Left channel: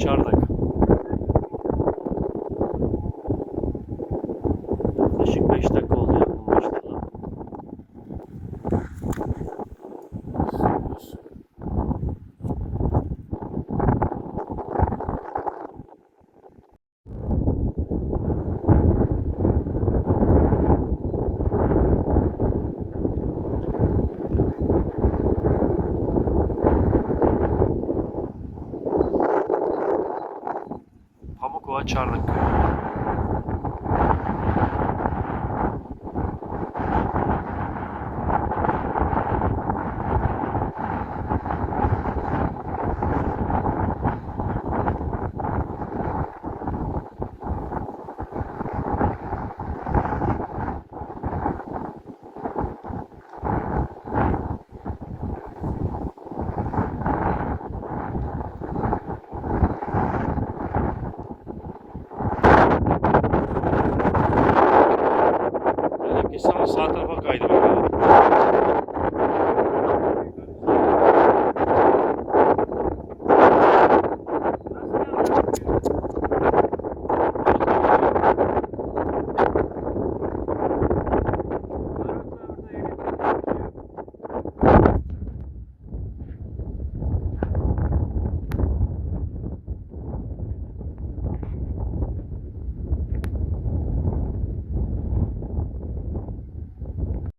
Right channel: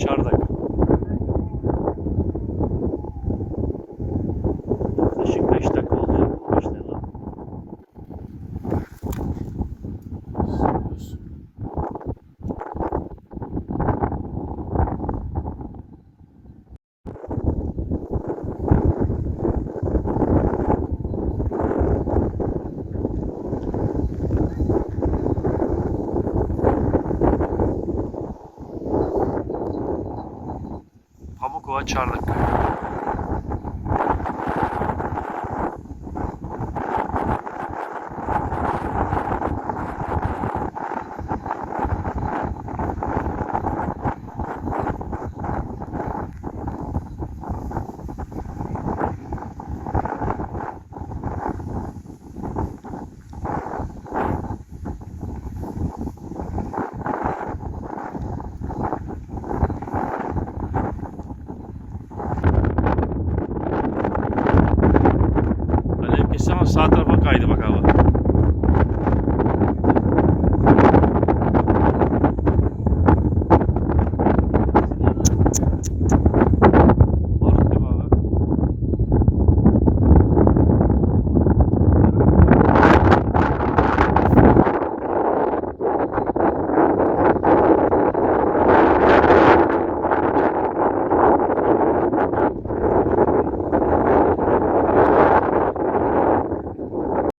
Çardak. Yaklaşık 5 dakika oldu ya bu başlayalı. Pamukova Çardak. Alev kesti ama sağ tarafa kaydı bak abi.